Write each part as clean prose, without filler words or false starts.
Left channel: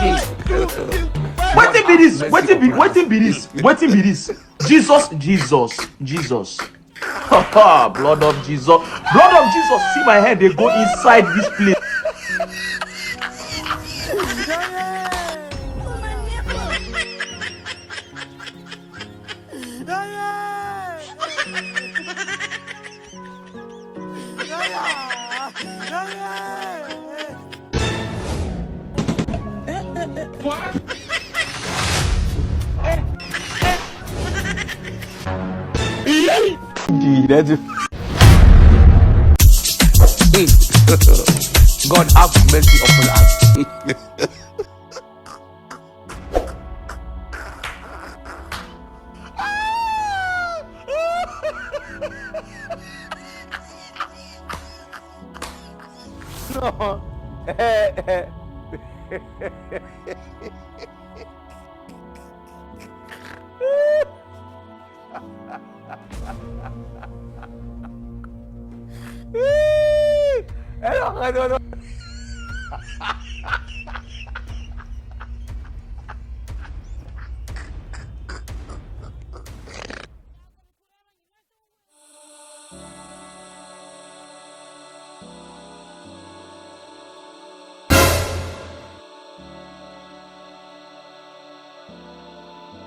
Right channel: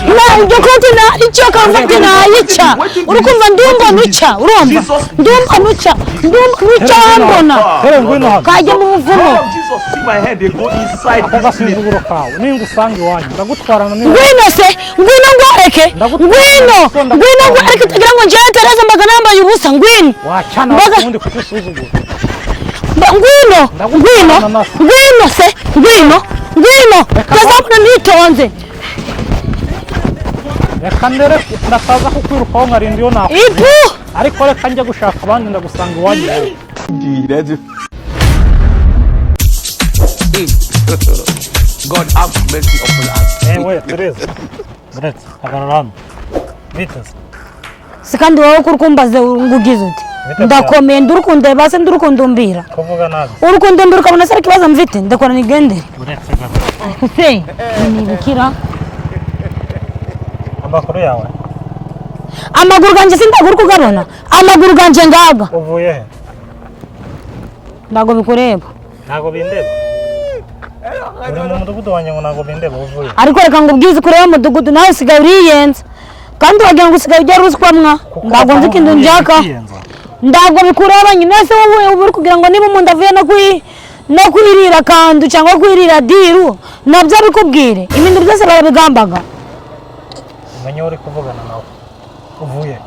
La Jokoti na icyo konfeti na yica. Urukumva ndumva nuca. Urumva. Ndumva nuca. Ndumva nuca mbona. Kajya mu Blood of Jesus, see my hand, they go inside this place. Ngwino se, ngwino ngwareke. Ngwino ngwareke tugira ngo njye Tereza mbaga nambaye ubusa ngwino. Ngwino se, ngwino. Kazabona nitonze. Yakandere ndakaza kukwirukaho nkarindiyo nawe. Ipu. Ariko reka njye gushaka abandi ndagusanga iwanyu. God have mercy upon us. Ewe, Tereza. Tereza, agararano. Vitas. Sikandi wowe kurukumbaze ngugize uti. Ndakomeye ndurukunde base ndurukundumbira. Kuvuga nabi. Urukundumbira kabona sara kibaza mvite ndakora nigendere. Se. Nikira. Amakuru yawe. Amaguru ganje sindaguru kugabona. Amaguru ganje ngaga. Uvuye he? Ndago bikureba. Ntago bindeba. Umudugudu wanjye ngo ntago bindeba uvuye. Ariko reka ngo ubwize kureba umudugudu nawe sigaye uriyenza. Kandi wagira ngo usigaye ujya ruswamwa. Ndago nzi kintu njaka. Ndago bikureba nyine se wowe uri kugira ngo niba umuntu avuye no kwirira kandu cyangwa kwirira diru nabyo bikubwire. Ibintu byose barabigambaga. Umenye uri kuvugana nawe. Uvuye.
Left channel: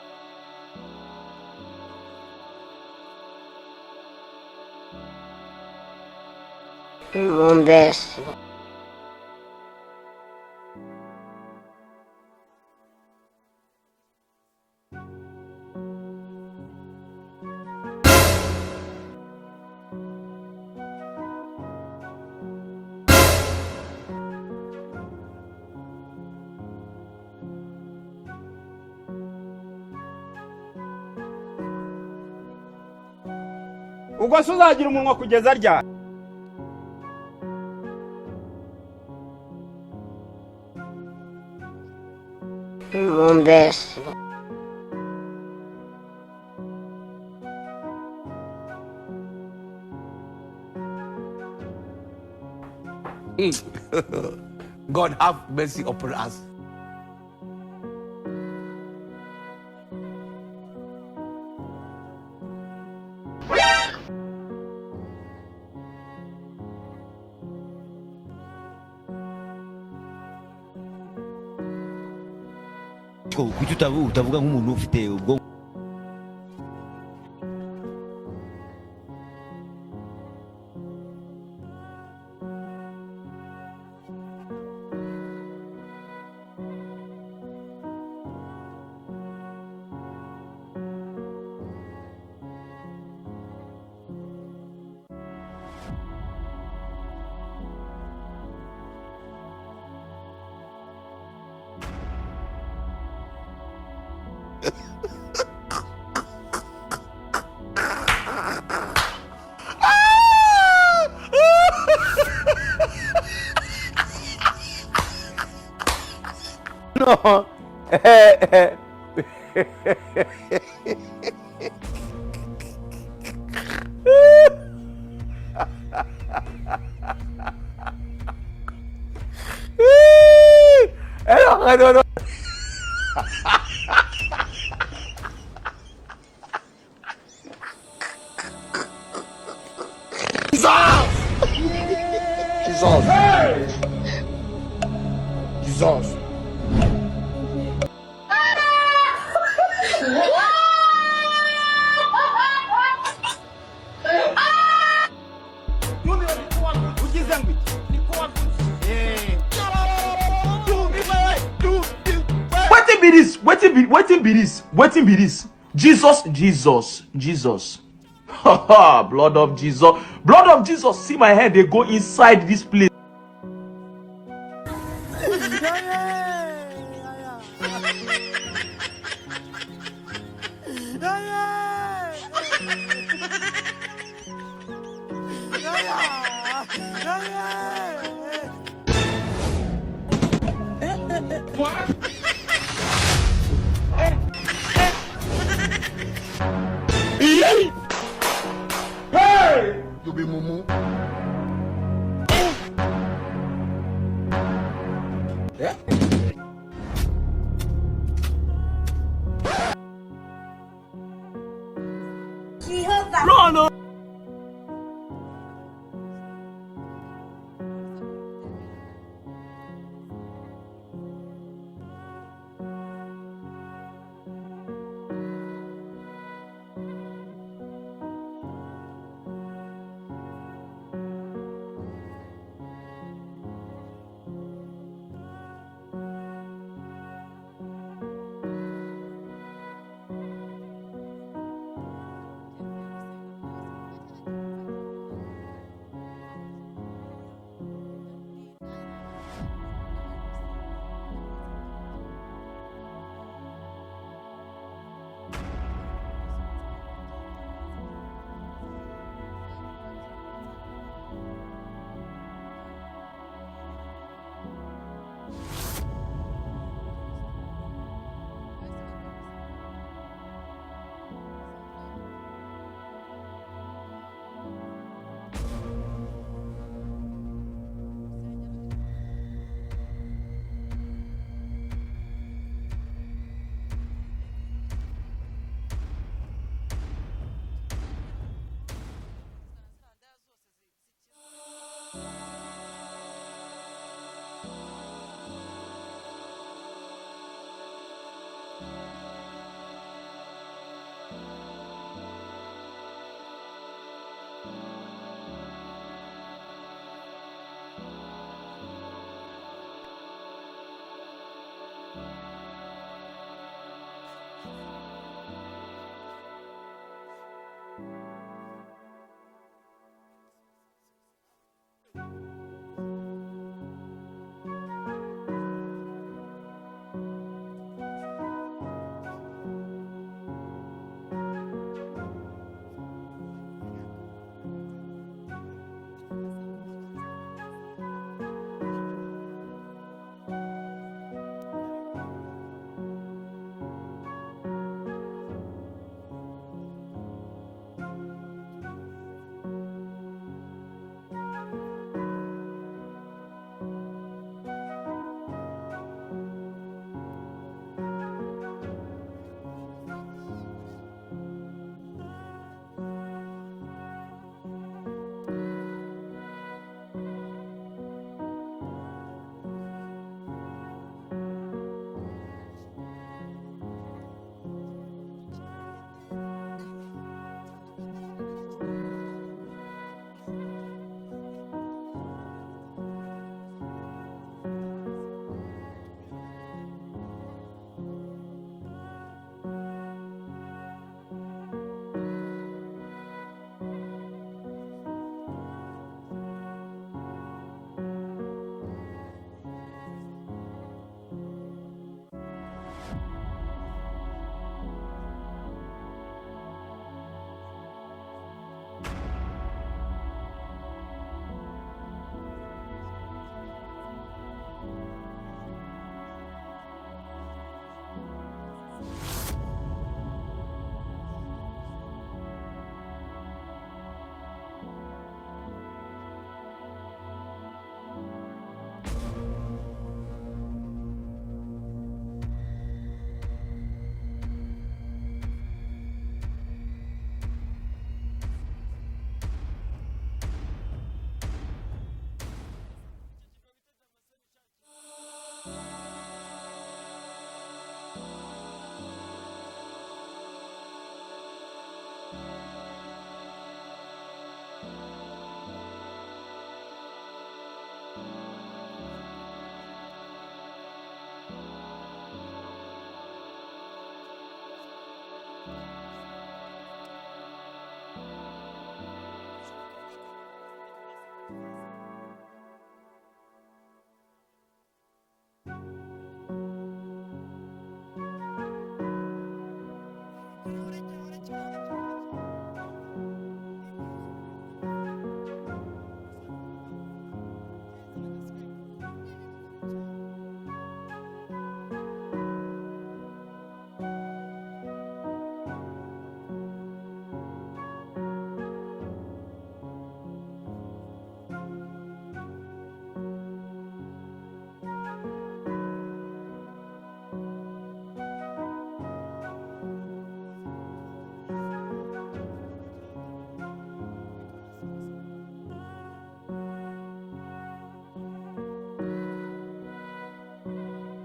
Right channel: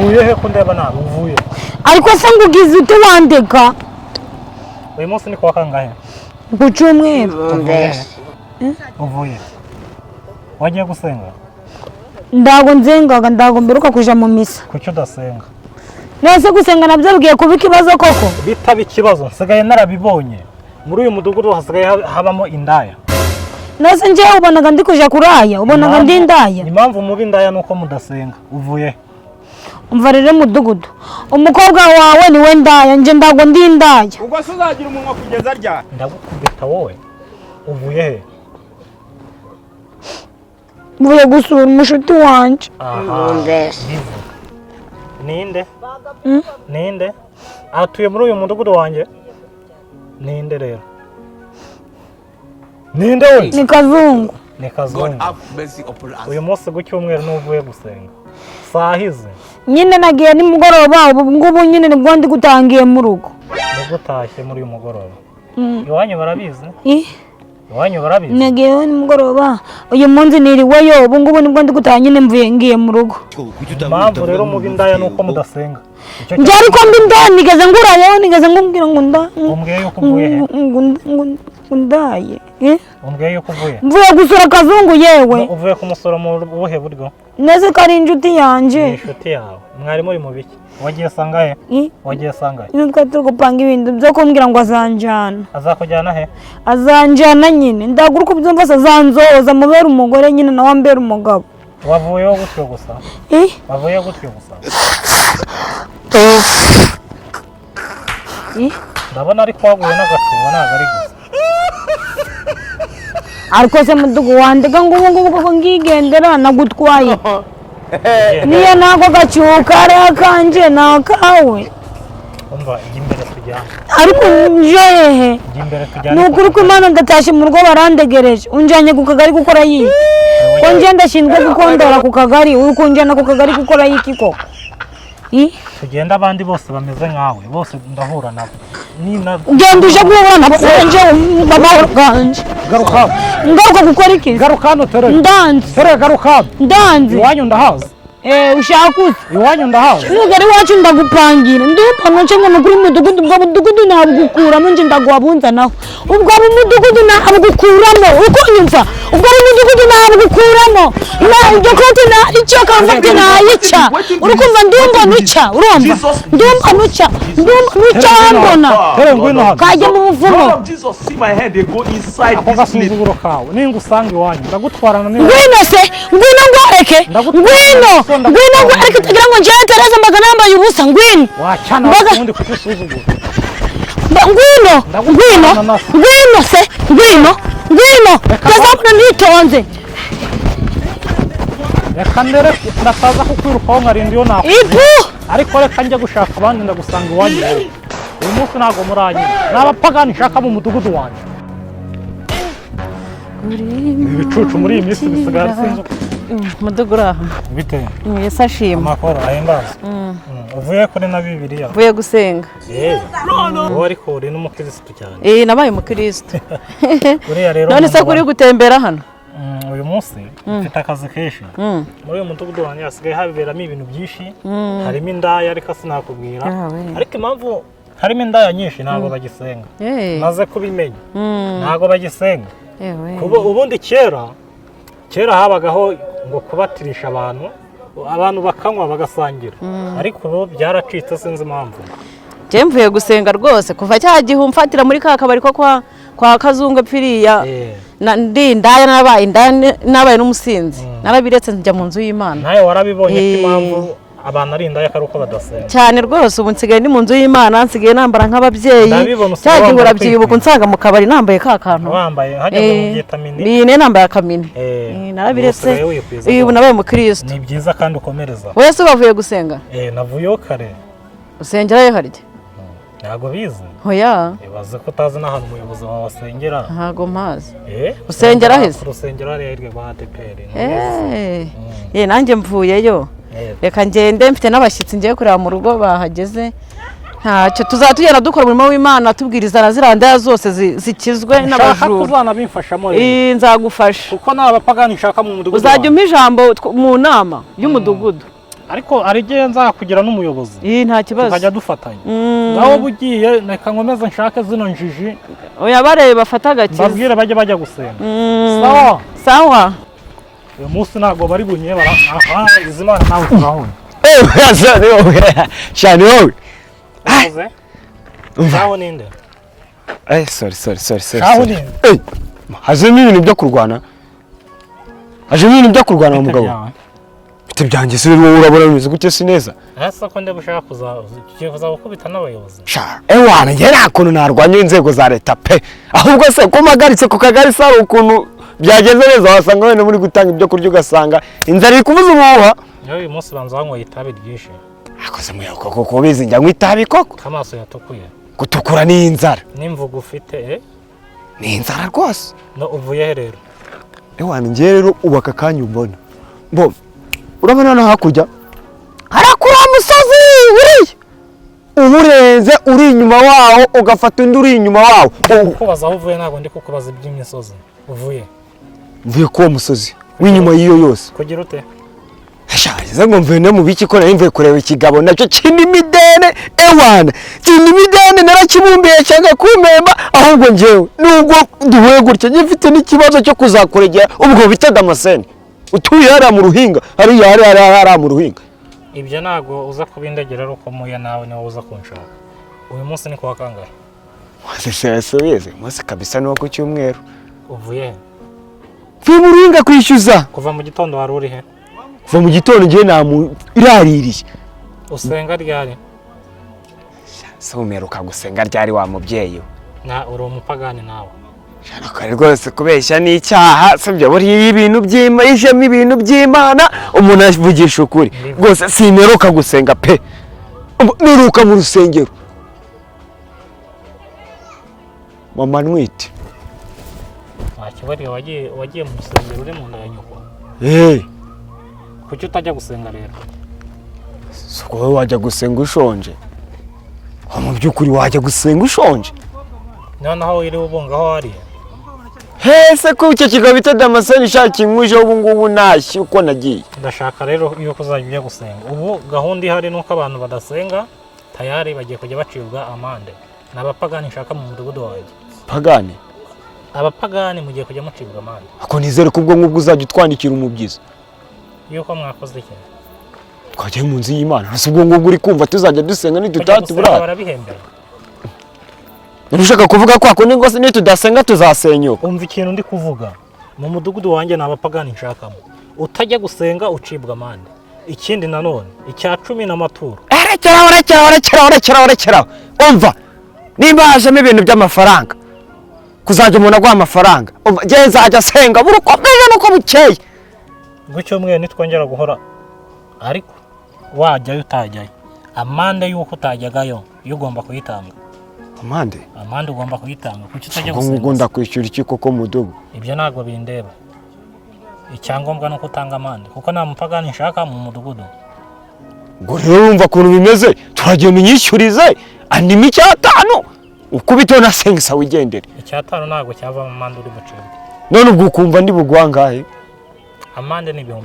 Uvuye he kundeba nawe uvuye. Ariko se ngugize ute wandeka? Uyu munsi ni kwa kangahe? Ku cyumweru. Uvuye. Wagiye gusenga? Ndago nzengaga ndago mberuka kuja mu misa. Kuki udasenga? Nese gusenga nabyo bigiye kuba ikibazo koko. Bitaba ikibazo nsigaye narabibonye. Muri uyu mudugudu hasigaye habamo indaya. Nese nje ubonaga ndi kuja kuraya, ubonaga ndi indaya. Impamvu mubi indaya nuko mudasenga. Uvuye. Umva rero mudugudu. Umukobwa wawe ni we ndaya, nje ndago ndi indaya. Ubwo se uzagira umunwa kugeza rya. Ndagukubita wowe. Uvuye he? Mvuye gusura umushuti wanje. Ninde? Ninde? Atuye muri uyu mudugudu wanjye? Ninde rero? Ninde we? Ni Kazungu. Ni Kazungu. God have mercy upon us. Uyu munsi gucyumweru n'uvuye gusenga. Sahize. Nyine nagiye ni mugoroba ubu ngubu nyine nibwo ndi gutangiye mu rugo. Gutashye muri uyu mugoroba. Iwanyu barabizi? Iwanyu barabizi? Nagiye ni mugoroba. Uyu munsi niriweyo ubu ngubu nibwo ndi gutaha nyine mvuye ngiye mu rugo. Mpamvu rero mu bindaya nuko mudasenga. Njye ariko mbi nigeze ngurayo nigeze ngumbwira ngo umbwiye yuko uvuye he? Ndaye. Umbwiye yuko uvuye? Mvuye gusura Kazungu yewe. Uvuye kumusura mu buhe buryo? Neze kari inshuti yanje. Inshuti yawe. Mwari muri mu biki? Wagiye sangahe? Wagiye sangahe? Nitwa turi gupanga ibintu byo kumbwira ngo azanjana. Azakujyana he? Azanjana nyine. Ndaguruka byumva se azanzoza mubera umugore nyine nawe ambera umugabo. Wavuyeho gutyo gusa? Wavuyeho gutyo gusa? Ndabona ari kwaguye n'agatuba ntabwo ari gusa. Ariko se mudugu wandega ngo ubu ngubu ngigendera nagutwaye. Niyo nako gacyuka ari akanje nakawe. Umva imbere tujyana. Ariko njehe. Imbere tujyana. Nukuri ko Imana ndatashe mu rugo barandegereje. Unjanye ku kagari gukora yiki. Ko nje ndashinzwe gukondora ku kagari, uri kunjana ku kagari gukora yiki ko. Tugenda abandi bose bameze nkawe, bose ndahura nabo. Genda uje guhura nabo sanje mama ganje. Ngaruka gukora iki? Garuka hano tere. Ndanze. Tere garuka. Ndanze. Iwanyu ndahaza. Ushaka iwanyu ndahaza. Nugari wacu ndagupangira. Ndumva nce nyine kuri mudugudu ubwo mudugudu nabugukuramo nje ndagwabunza naho. Ubwo mudugudu nabugukuramo. Uko nyumva. Ubwo mudugudu nabugukuramo. Na Jokoti na icyo konfeti na yica. Urukumva ndumva nuca. Urumva. Ndumva nuca. Ndumva nuca mbona. Kajya mu muvumo. Blood of Jesus, see my hand, they go inside this place. Ningusanga iwanyu ndagutwarana n'inzu. Ngwino se, ngwino ngwareke. Ngwino ngwareke tugira ngo njye Tereza mbaga nambaye ubusa ngwino. Wacana ubundi kutusuzugura. Ngwino se, ngwino. Kazabona nitonze. Yakandere ndakaza kukwirukaho nkarindiyo nawe. Ariko reka njye gushaka abandi ndagusanga iwanyu. Uyu munsi ntabwo muranye. N'abapagani nshaka mu mudugudu wanjye. ibicucu muri iyi minsi bisigaye sinzi mudugudu uraho bite Yesu ashimwe amakoro ahimbaza uvuye kuri na Bibiliya uvuye gusenga wowe ariko uri n'umukirisitu cyane nabaye umukirisitu uriya rero none se kuri gutembera hano uyu munsi mfite akazi kenshi muri uyu mudugudu wanjye hasigaye haberamo ibintu byinshi harimo indaya ariko sinakubwira ariko impamvu harimo indaya nyinshi ntabwo bagisenga maze kubimenya ntabwo bagisenga ubundi kera habagaho ngo kubatirisha abantu bakanywa bagasangira ariko ubu byaracitse sinzi impamvu njye mvuye gusenga rwose kuva cya gihe umfatira muri ka kabari ko kwa Kazungu pfiriya ndi indaya nabaye n'umusinzi narabiretse njya mu nzu y'Imana nawe warabibonye ko impamvu abantu ari indaya ari uko badasenga cyane rwose ubu nsigaye ndi mu nzu y'Imana nsigaye nambara nk'ababyeyi cya gihe urabyibuka unsanga mu kabari nambaye ka kantu wambaye hajya mu vitamine ni nambaye akamini narabiretse ubu nabaye umukristo ni byiza kandi ukomereza wese bavuye gusenga navuyeho kare usengerayo harya ntabwo bizi hoya ibaze ko utazi n'ahantu umuyobozi wawe asengera ntabwo mpazi usengera heza urusengero hariya hirya rwa ADPR nanjye mvuyeyo reka ngende mfite n'abashyitsi ngiye kureba mu rugo bahageze ntacyo tuzatugenda dukora umurimo w'Imana tubwiriza na ziriya ndaya zose zikizwe n'abajura uzanabimfashamo nzagufasha kuko nta bapagani nshaka mu mudugudu uzajya umpa ijambo mu nama y'umudugudu ariko ari igihe nzakugira n'umuyobozi nta kibazo tukajya dufatanya ngaho bugiye reka nkomeze nshake zino njiji oya barebe bafata agakiza babwire bajya gusenga sawa uyu munsi ntabwo bari bunye izi Mana nawe turahura shani wowe shaho ninde sorry shaho ninde hazemo ibintu byo kurwana mu mugabo bite byanjye se wowe urabona bimeze gute si neza ese ko nde bushaka kuza gukubita n'abayobozi wana njye nta kuntu narwanya inzego za leta pe ahubwo se ko mpagaritse ku kagari se hari ukuntu byageze neza wasanga wenda muri gutanga ibyo kurya ugasanga inzara iri kuvuza ubuhuha uyu munsi banza wanyweye itabi ryinshi akoze muyo koko bizi njya nywa itabi koko kamaso yatukuye gutukura ni inzara n'imvugo ufite ni inzara rwose no uvuye he rero wana njye rero ubu aka kanya umbona urabona no hakurya harakura umusozi uriya uburenze uri inyuma wawo ugafata undi uri inyuma wawo kubaza aho uvuye ntabwo ndi kukubaza iby'imisozi mvuye kuwo musozi w'inyuma y'iyo yose kugira ute Shariza ngo mvuye no mu biki ko nari mvuye kureba ikigabo nacyo kinimidene ewana kinimidene narakibumbiye cyangwa kumemba ahubwo njewe nubwo duhuye gutya ngifite n'ikibazo cyo kuzakuregera ubwo bita Damascene utuye hariya mu ruhinga hariya mu ruhinga ibyo ntabwo uza kubindegera ari uko muya nawe niwe uza kunshaka uyu munsi ni kuwa kangahe wese munsi kabisa no ku cyumweru uvuye mvuye mu ruhinga kwishyuza kuva mu gitondo wari uri he kuva mu gitondo ngiye iraririye usenga ryari se umeruka gusenga ryari wa mubyeyi uri umupagani nawe kare rwose kubeshya n'icyaha sibyo buriya ibintu by'Imana ibintu by'Imana umuntu avugisha ukuri rwose sineruka gusenga pe neruka mu rusengero mama nwite ntakibariye wagiye mu rusengero uri mu nda ya nyoko kuki utajya gusenga rero siko wowe wajya gusenga ushonje mu by'ukuri wajya gusenga ushonje noneho uriho ubungaho hariya hese ko icyo kigabo bita Damascene ishaka inkwije ubu ngubu ntashye uko nagiye ndashaka rero yuko uzajya ujya gusenga ubu gahunda ihari nuko abantu badasenga tayari bagiye kujya bacibwa amande n'abapagani nshaka mu mudugudu wanjye pagani abapagani mugiye kujya mucibwa amande ako nizere ko ubwo ngubwo uzajya utwandikira umubyizi yuko mwakoze iki twagiye mu nzu y'Imana hasi ubwo ngubwo uri kumva tuzajya dusenga nitutati burara barabihembera ushaka kuvuga ko ako ngo nitudasenga tuzasenyuka umva ikintu ndi kuvuga mu mudugudu wanjye n'abapagani nshakamo utajya gusenga ucibwa amande ikindi nanone icya 10 n'amaturo rekeraho umva nimba hajemo ibintu by'amafaranga kuzajya umuntu aguha amafaranga umva ngiye nzajya asenga buri uko bwije nuko bukeye gutyo mwe nitwongera guhora ariko wajyayo utajyayo amande y'uko utajyagayo yo ugomba kuyitanga amande ugomba kuyitanga kuki utajya gusenga ngo ndakwishyura iki koko mudugu ibyo ntabwo bindeba icyangombwa no kutanga amande kuko nta mupagani nshaka mu mudugudu. ngo rero wumva ukuntu bimeze turagenda unyishyurize andimo 5 ukubiteho na sengisa wigendere. 5 ntabwo cyava mu mande uri bucibwe. None ubwo ukumva ndi bugwa ngahe? Amande ni 5,000.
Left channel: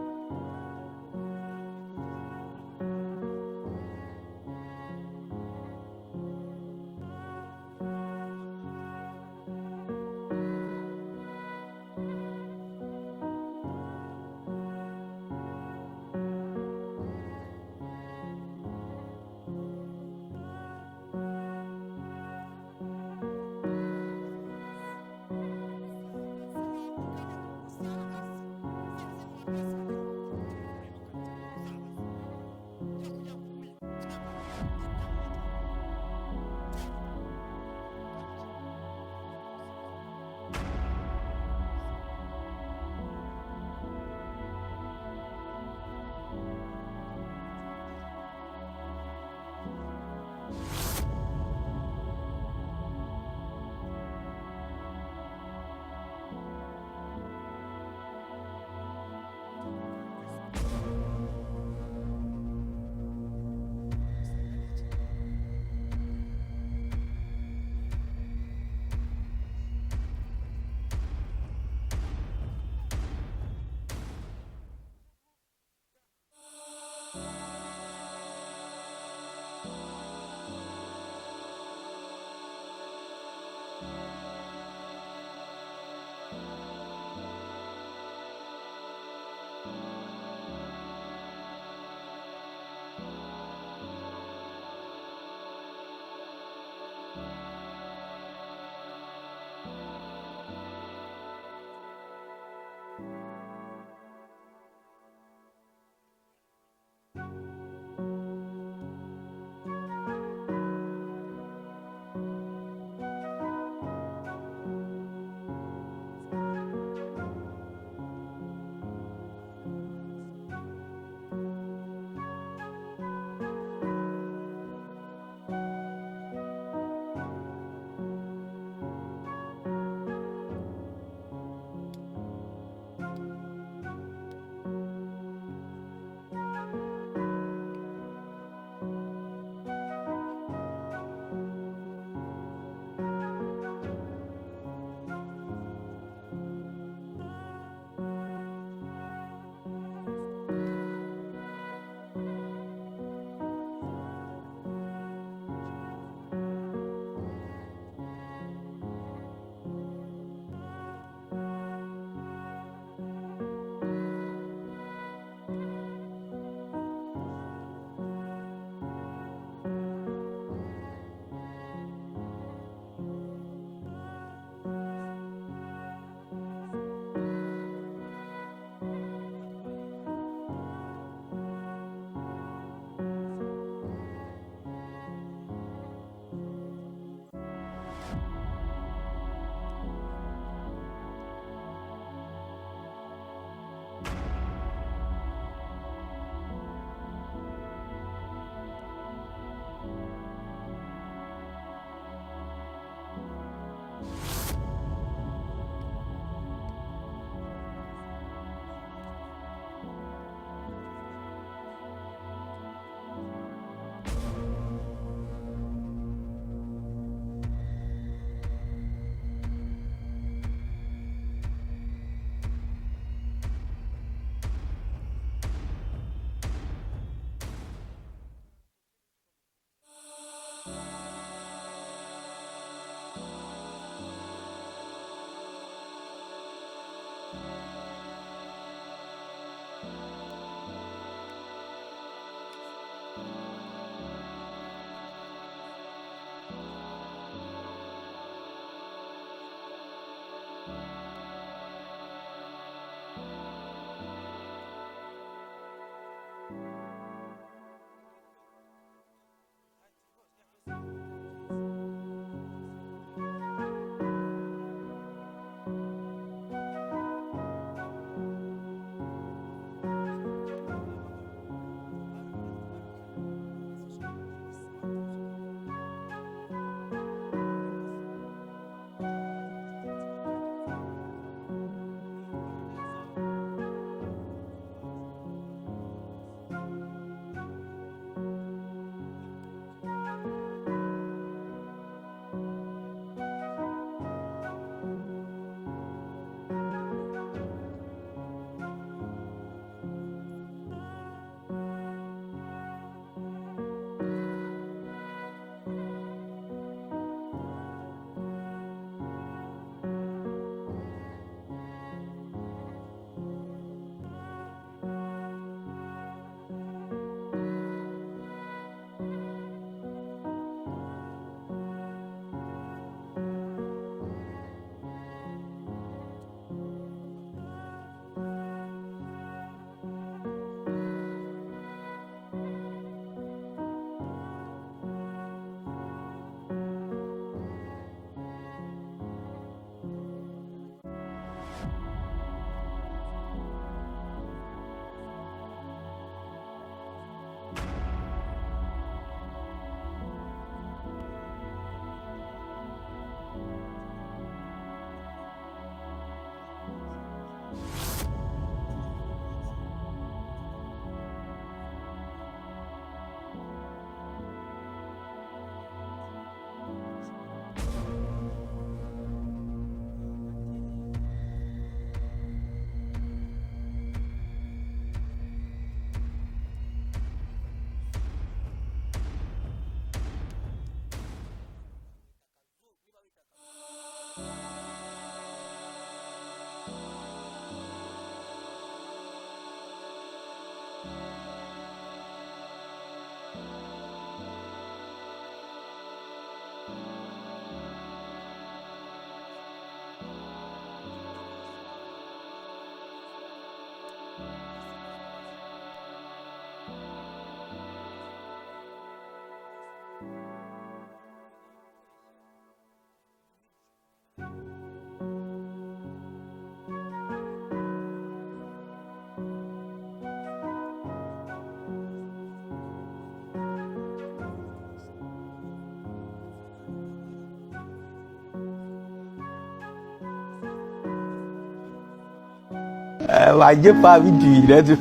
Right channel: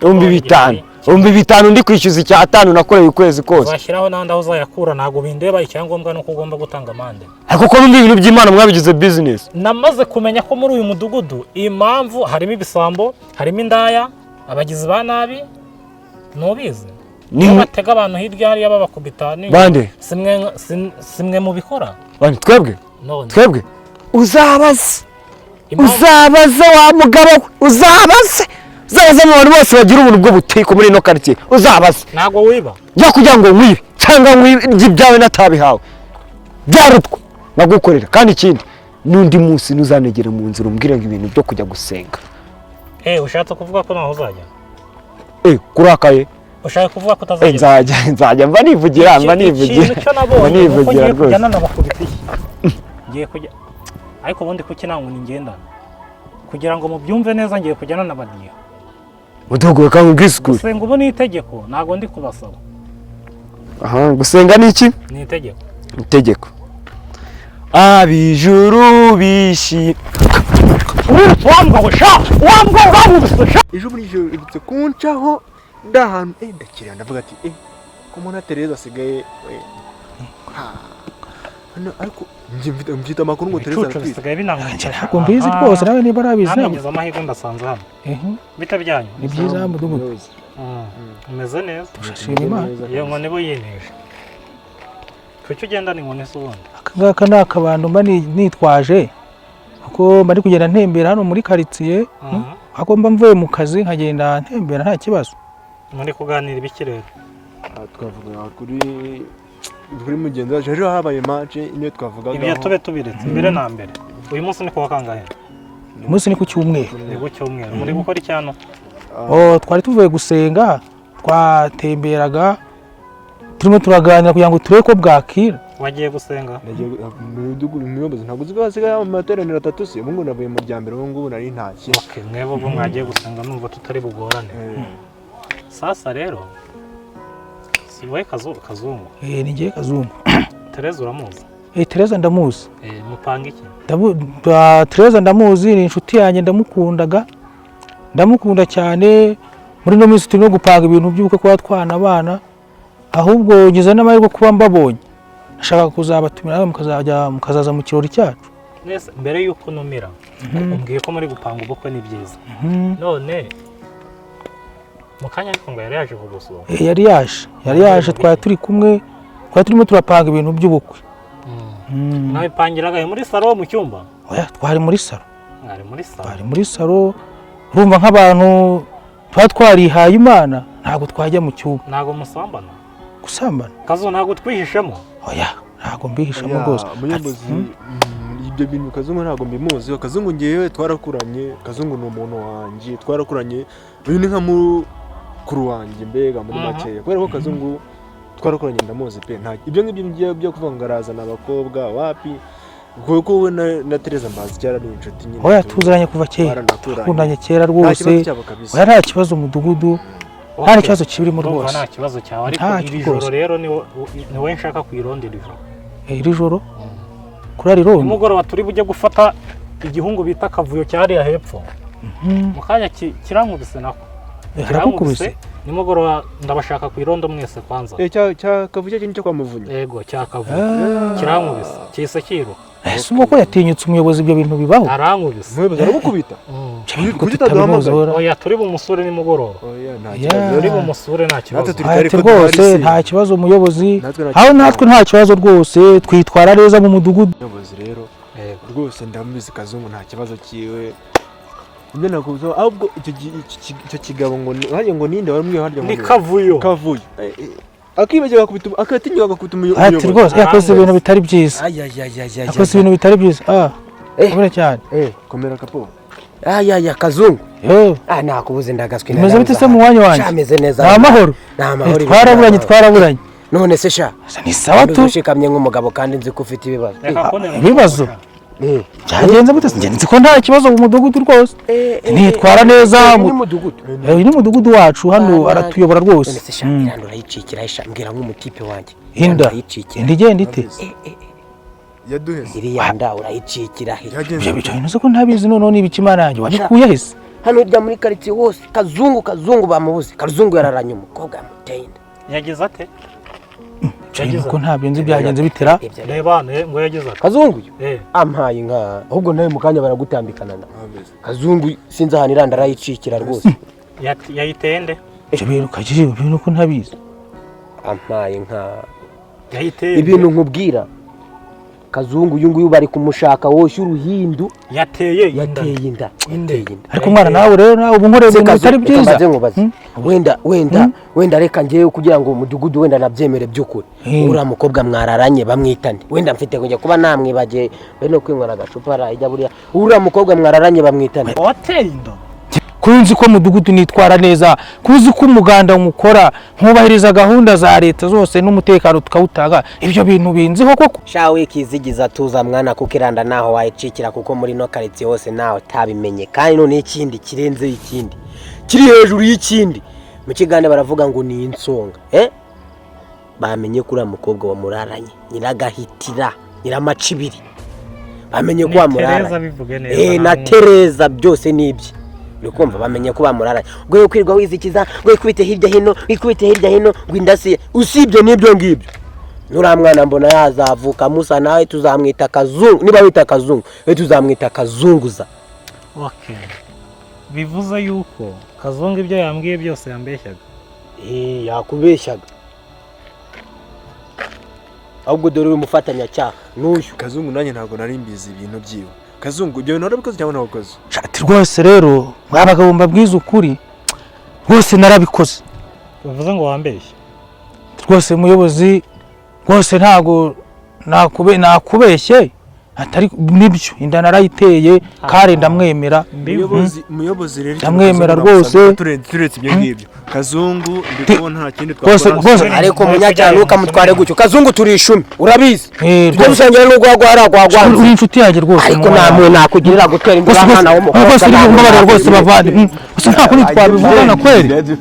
5,000. 5,000 ndi kwishyuza 5 nakoreye ukwezi kose. Uzashyiraho n'andi aho uzayakura ntabwo bindeba, icyangombwa no kugomba gutanga amande. Ariko ko numva ibintu by'Imana mwabigize business. Namaze kumenya ko muri uyu mudugudu impamvu harimo ibisambo, harimo indaya, abagizi ba nabi, nubizi. Ni batega abantu hirya hariya babakubita ni. Bande? Simwe mu bikora. Bande twebwe? None. Twebwe? Uzabaze wa mugabo uzabaze mu bantu bose bagira ubuntu bwo butiko muri ino quartier uzabaze. Ntago wiba ya kugira ngo nkwibe cyangwa nk'ibyawe natabihawe byarutwa nagukorera kandi ikindi n'undi munsi nuzanegera mu nzira umbwire ngo ibintu byo kujya gusenga. Ushatse kuvuga ko naho uzajya? Kurakaye ushaka kuvuga ko utazajya? Nzajya mba nivugira icyo nabonye rwose kujyana n'abakubita ngiye kujya ariko ubundi kuki nangu ngenda kugira ngo mubyumve neza ngiye kujyana n'abadiya udogoye kandi ubwisukure. Gusenga ubu ni itegeko ntago ndi kubasaba. Gusenga ni iki? Ni itegeko. Itegeko. Abijuru bishi wambwa urabubisha ejo muri ijoro ibitse kuncaho ndahantu ndakira ndavuga ati ko mona Tereza asigaye ariko mfite amakuru ngo Tereza asigaye binanganje ntabwo mbizi rwose nawe niba arabizi ntabwo amahirwe ndasanze hano bitabyanyu ni byiza mudugudu umeze neza turashima Imana iyo nkoni bo yineje kuki ugenda ni nkoni se ubundi akangaka ni akabando mba nitwaje kuko mba ndi kugenda ntembera hano muri quartier ako mba mvuye mu kazi nkagenda ntembera nta kibazo. Muri kuganira ibikirere twavuga kuri mugenzi wacu rero habaye match ine twavugaga ibyo tube tubiretse mbere na mbere. Uyu munsi ni kuwa kangahe? Uyu munsi ni ku cyumweru. Ni ku cyumweru. Muri gukora icyano? Twari tuvuye gusenga twatemberaga turimo turaganira kugira ngo turebe ko bwakira. Wagiye gusenga? Umuyobozi ntabwo uzi ko hasigaye amateraniro 3 se mungu navuye mu ryambere ubu ngubu nari ntashye. Okay, mwebo bwo mwagiye gusenga numva tutari bugorane. Sasa rero si wowe Kazungu? Ni ngiye Kazungu. Tereza uramuzi? Tereza ndamuzi. Mupanga iki? Tereza ndamuzi ni inshuti yanjye ndamukunda cyane. Muri no minsi turimo gupanga ibintu by'uko kwa twana abana ahubwo ngize n'amahirwe kuba mbabonye. Ashaka kuzabatumira mukazaza mu kirori cyacu. Nese mbere yuko numira umbwiye ko muri gupanga ubukwe ni byiza. None mukanya ariko ngo yari yaje kugusura. Yari yaje twari turi kumwe twari turimo turapanga ibintu by'ubukwe. Mwabipangiraga muri salo mu cyumba? Oya twari muri salo. Twari muri salo. Urumva nk'abantu twarihaye Imana ntabwo twajya mu cyumba. Ntabwo musambana? Gusambana. Kazo ntabwo twihishemo? Oya ntabwo mbihishemo rwose. Umuyobozi ibyo bintu Kazungu ntabwo mbimuzi. Kazungu ngewe twarakuranye. Kazungu ni umuntu wanjye twarakuranye. Uyu ni nka mukuru wanjye mbega muri makeya kubera ko Kazungu twarakuranye ndamuzi pe nta ibyo ngibyo byo kuvuga ngo arazana abakobwa wapi kuko we na Tereza mbazi cyara ari inshuti nyine. Oya tuziranye kuva kera twakundanye kera rwose. Oya nta kibazo umudugudu nta kibazo kibirimo rwose. Nta kibazo cyawe ariko iri joro rero ni wowe nshaka kwirondera ijoro. Iri joro kurari rondo umugoroba turi bujye gufata igihungu bita Kavuyo cyari hepfo. Mukanya kirankubise nako. Harakukubise nimugoroba ndabashaka kwirondo mwese kwanza. Cya Kavuyo cyo kwa Muvunyi. Yego cya Kavuyo kirankubise cyise kiro. Ese uko yatinyutse umuyobozi ibyo bintu bibaho? Arankubise. Umuyobozi arabukubita. Oya turi bumusure nimugoroba. Turi bumusure nta kibazo. Rwose nta kibazo umuyobozi. Aho natwe nta kibazo rwose twitwara neza mu mudugudu. Umuyobozi rero rwose ndamubizi Kazungu nta kibazo kiwe. Ibyo nakuzo ahubwo icyo kigabo ngo ninde warumwe harya ni Kavuyo. Akibegera kubita akatinywa agakubita umuyobozi. Ati rwose yakoze ibintu bitari byiza. Yakoze ibintu bitari byiza. Komera cyane. Komera kapo. Kazungu. Nakubuze ndagaswe neza. Meze bite se mu wanyu wanjye? Ameze neza. Nta mahoro. Twaraburanye. None se sha. Ni sawa tu. Ushikamye nk'umugabo kandi nzi ko ufite ibibazo. Ibibazo? byagenze gute se nzi ko nta kibazo mu mudugudu rwose nitwara neza ni mudugudu uyu ni umudugudu wacu hano aratuyobora rwose none se shambira ndurayicikira mbwira nk'umutipe wanjye inda igenda ite yaduheze iriya nda urayicikira he ibyo bicaye nzi ko ntabizi noneho niba ikimana yanjye wabikuye hese hano hirya muri karitsiye hose kazungu bamubuze kazungu yararanye umukobwa yamuteye inda yagize ate ko ntabyo nzi byagenze bitera reba ngo yagize ate kazungu ampaye inka ahubwo nawe mu kanya baragutambikana na kazungu sinzi ahantu iranda arayicikira rwose yayiteye nde ibyo bintu kagije ibintu ko ntabizi ampaye inka yayiteye ibintu nkubwira kazungu uyu nguyu bari kumushaka woshye uruhindu yateye inda ariko mwana nawe rero nawe ubu nkoreye ibintu bitari byiza wenda reka ngewe kugira ngo umudugudu wenda nabyemere by'ukuri uriya mukobwa mwararanye bamwitane wenda mfite kujya kuba namwibagiye bene kwinywera agacupa arajya buriya uriya mukobwa mwararanye bamwitane wateye inda kunzi ko mudugudu nitwara neza kuzi ko umuganda umukora nkubahiriza gahunda za leta zose n'umutekano tukawutanga ibyo bintu binziho koko shawe kizigiza tuza mwana kuko iranda naho wayicikira kuko muri no karitsiye hose nawe tabimenye kandi none ikindi kirenze ikindi kiri hejuru y'ikindi mu kigande baravuga ngo ni insonga bamenye kuri mukobwa wa muraranye nyiragahitira nyiramacibiri bamenye ko wamuraranye na Tereza byose nibye Nukumva bamenye ko bamuraranye ngo kwirwa wizikiza ngo kwite hirya hino ngo indasiye usibye nibyo ngibyo nura mwana mbona yazavuka Musa nawe tuzamwita Kazungu niba wita Kazungu tuzamwita Kazunguza bivuze yuko Kazungu ibyo yambwiye byose yambeshyaga yakubeshyaga ahubwo dore umufatanya cyaha n'uyu Kazungu nanjye ntabwo nari mbizi ibintu byiwe Kazungu ibyo narabikoze cyangwa nabakoze shati rwose rero mwabagabo mbabwiza ukuri rwose narabikoze bivuze ngo wambeshye rwose muyobozi rwose ntago nakubeshye atari nibyo inda narayiteye kare ndamwemera muyobozi rero ndamwemera rwose turetse ibyo ngibyo Kazungu ndikubona nta kindi twakora ariko munyajyana ukamutware gutyo Kazungu turi 10 urabizi twusengera no gwagwa uri inshuti yaje rwose ariko namwe nakugirira gutera indwara hana wo rwose rwose bavandi rwose nta kuri twabibona kweli